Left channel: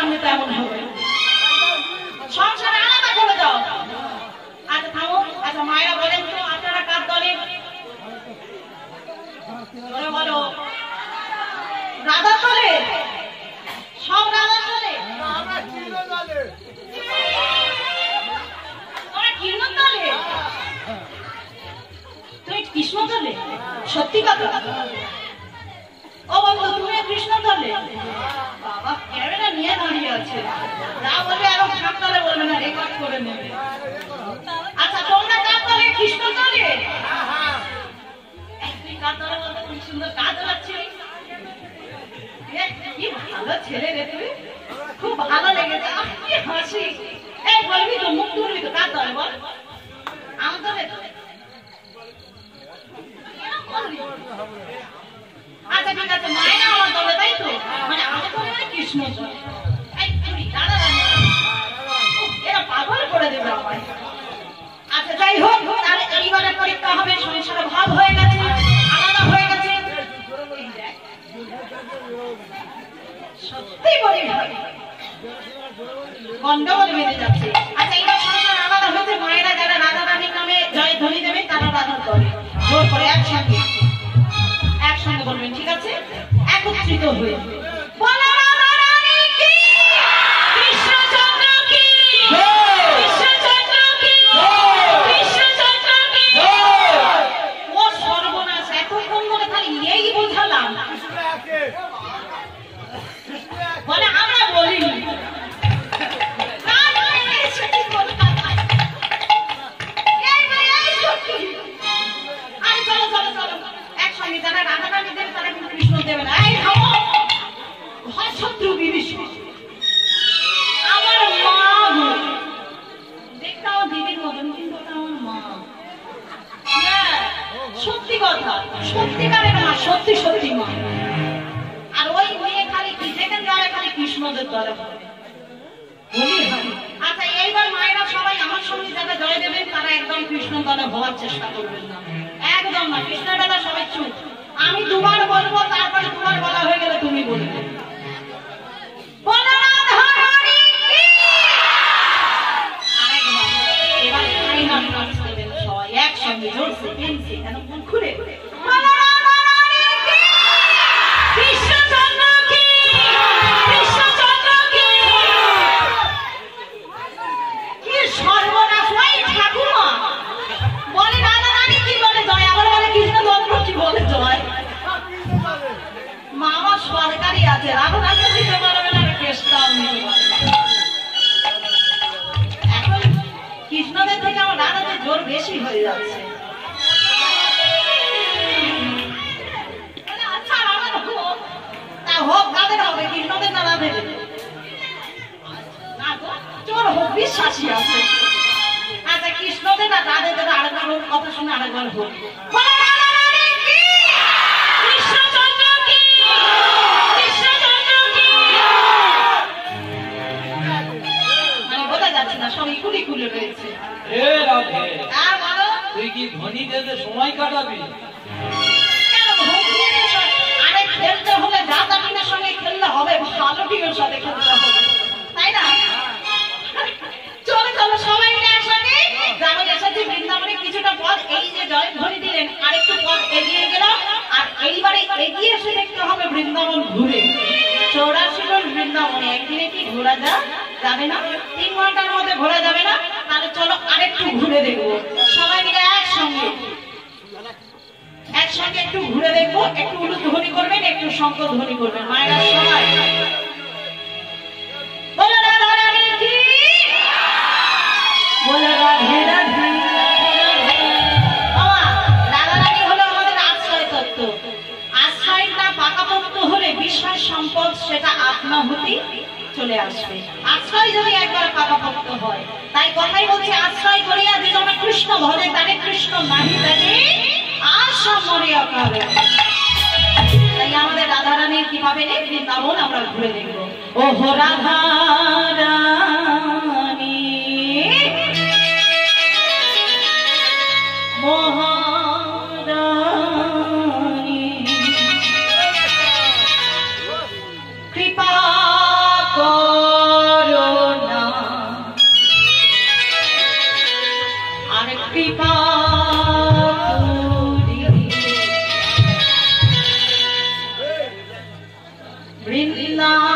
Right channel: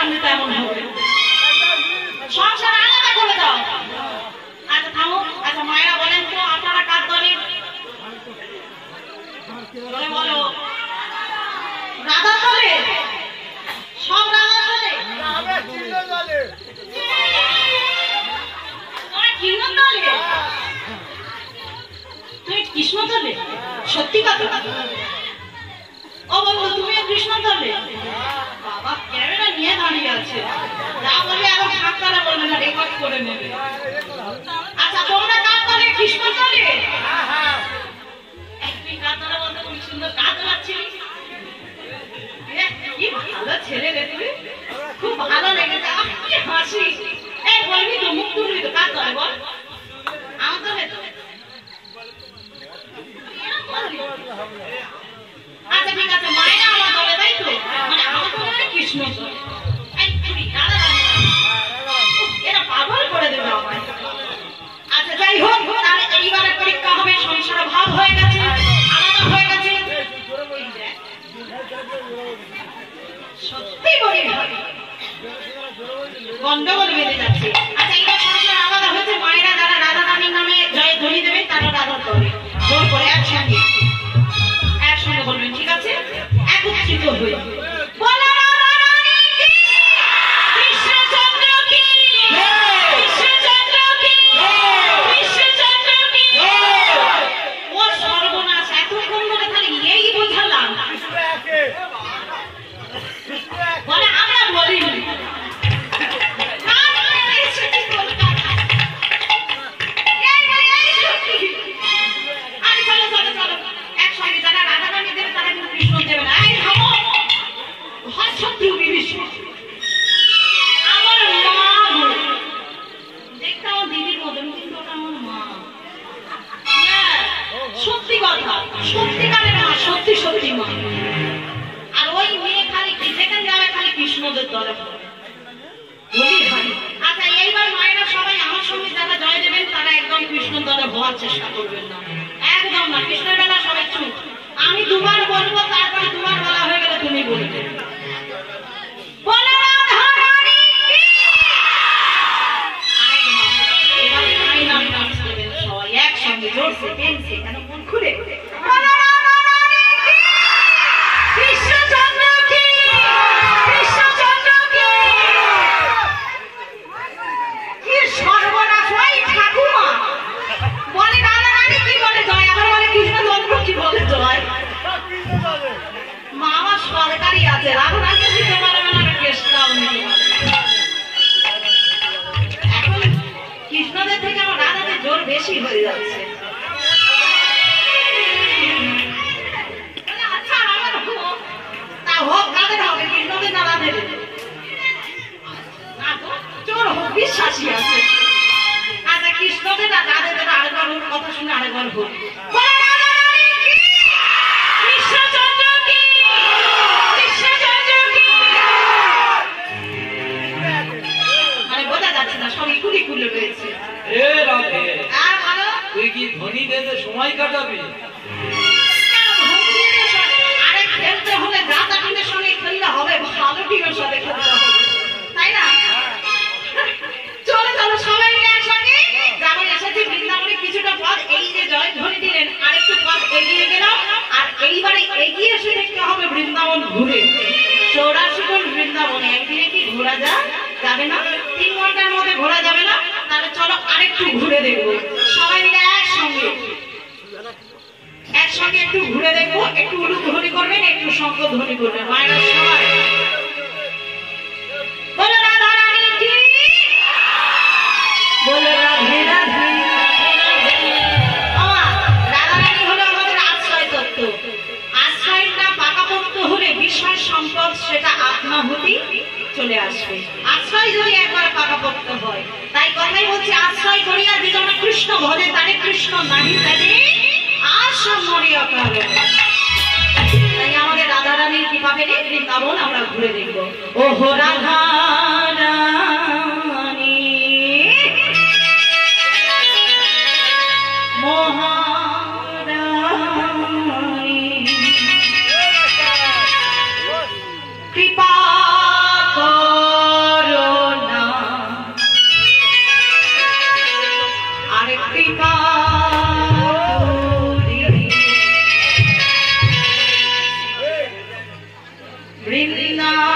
মানবে তেমন হবে, সংসার আলাদা করে দাও। আচ্ছা থামো, আচ্ছা মায়েরা বলেন তো আপনারা কার দলে? বলো রাধা দলে? সব রাধা দলে? কৃষ্ণ দলে? তুমি কৃষ্ণ দলে? সত্যি কথা? ও বন্ধু তুমিও কৃষ্ণ দলে? বাবা ক্যামেরা নিয়ে দাঁড়িয়ে আছে, না বলে আরো ঠাকুরে বলবে না, রেকর্ড করে নেবে। আচ্ছা তোমরা কার দলে? কৃষ্ণ দলে? তুমি কার দলে বলতে? খুব সুন্দর কাজ লাগছিল, কি ভালো ছেলে রে তুমি, খুব ভালো লেগেছে, কি হাসি। এই বলবি তো, মুখ তুলবি তো, কার দলে বল? আমার দলে? আচ্ছা ঠিক আছে, মায়েরা আমার দলে, তাই তো? মানে আমার দলে কৃষ্ণ দলে। এরা পাগল করে দেবে আমার। আচ্ছা যাই হোক, তাহলে এইবারে পরীক্ষা হবে। সংসার ভাব হয়ে গেছে, আলাদা হয়ে গেছে, সত্যি বলি গন্ডগোল বেঁধে যাচ্ছে। আচ্ছা এইবার সংসার আলাদা হয়েছে, মায়েরা যারা রাধা রানীর নামে জয় ধ্বনি দেবে তারা রাধার দলে জোর করে একসঙ্গে বলবেন, ঠিক আছে? একত্রিত হয়ে সর্বনাশ, এতক্ষণ ধরে খালি এই বোঝালাম, বলে আমরা বলিনি। সত্যিকারের মা, সত্যি সত্যি মা। আর ওই মেয়ে খালি যেখানে যাবে খালি কৃষ্ণদের দলে বলি হয়। আচ্ছা এইবার মায়েরা সবাই আমার সঙ্গে যারা জয় দেবেন তারা একদম কৃষ্ণ দলে হওয়ার চেষ্টা করবেন না, একদম না। কৃষ্ণের বেলা সবাই চুপ, আমি দুবার বলবো, তারপরে দুবার বলা হয়ে গেলে তুমি বলবে। সবাই একসঙ্গে জোরছে টেনছে কেন মন খুলে মামা সরকারি আছে, রাধারানী দিতে পারবে না, কেসটাও নেই। এখন কৃষ্ণদের থেকে আমার রাধাদের জোর বেশি হয়ে যাচ্ছে। তা হোক, কাদের হবে? কৃষ্ণদের না রাধের? জোর হোক, বিশ্বাসী আছে। আচ্ছা কৃষ্ণদের না রাধেদের আরেকবার কথা শুনে আরেকবার হোক। তুই কি ধনী বেঁধে সময় কাটাবি? আরে খেলতে হলে রাধা টিমের সঙ্গে খেলতে হবে, ভালো টিমের সঙ্গে খেলতে হবে, তাই না? চলো চলো সবাই মিলে একসঙ্গে। যেমন এসেছি বৃন্দাবনে, কিছুটা পথ এই যে জয় ধ্বনি দিলেন, আরেকটু পথ এগিয়ে গেলাম। আর এইবারে এগিয়ে এসে দেখতে হবে বৃন্দাবন ঘুরে। 84 বৃন্দাবনে একদিনে কি ঘোরা যাবে না? 3 ঘন্টার মধ্যে ঘোরা যাবে না? তাহলে চলো আরেকটু ঘুরে দেখবো সবাই মিলে একসঙ্গে। একটু ঘুরে দেখবো, একটু উলুক ধ্বনি করবেন, একটু শঙ্খ ধ্বনি করবেন। মায়েরা সবাই বলো রাধা রানী কি, বলো রাধে রাধে। রাধা রানী হলো আমাদের আশ্রয় তত্ত্ব। আশ্রয়টা পাকাপোক্ত হলে বিষয় সম্পদ সেটা আপনাহুতি চলে আসবে। আশ্রয় যদি একবার পাকাপোক্ত হয়, তাই কথাই বলছে আশ্রয় করিয়া যেজন কৃষ্ণ ভজে তারে কৃষ্ণ নাহি তাকে আশ্রম মরিয়া পাবে। তাই আমাদের রাধা রানীর কিভাবে নেই বৃন্দাবন আমরা ঘুরে দেখবো। ও হো রাধা রানী মহারানী কৃপা বৃন্দা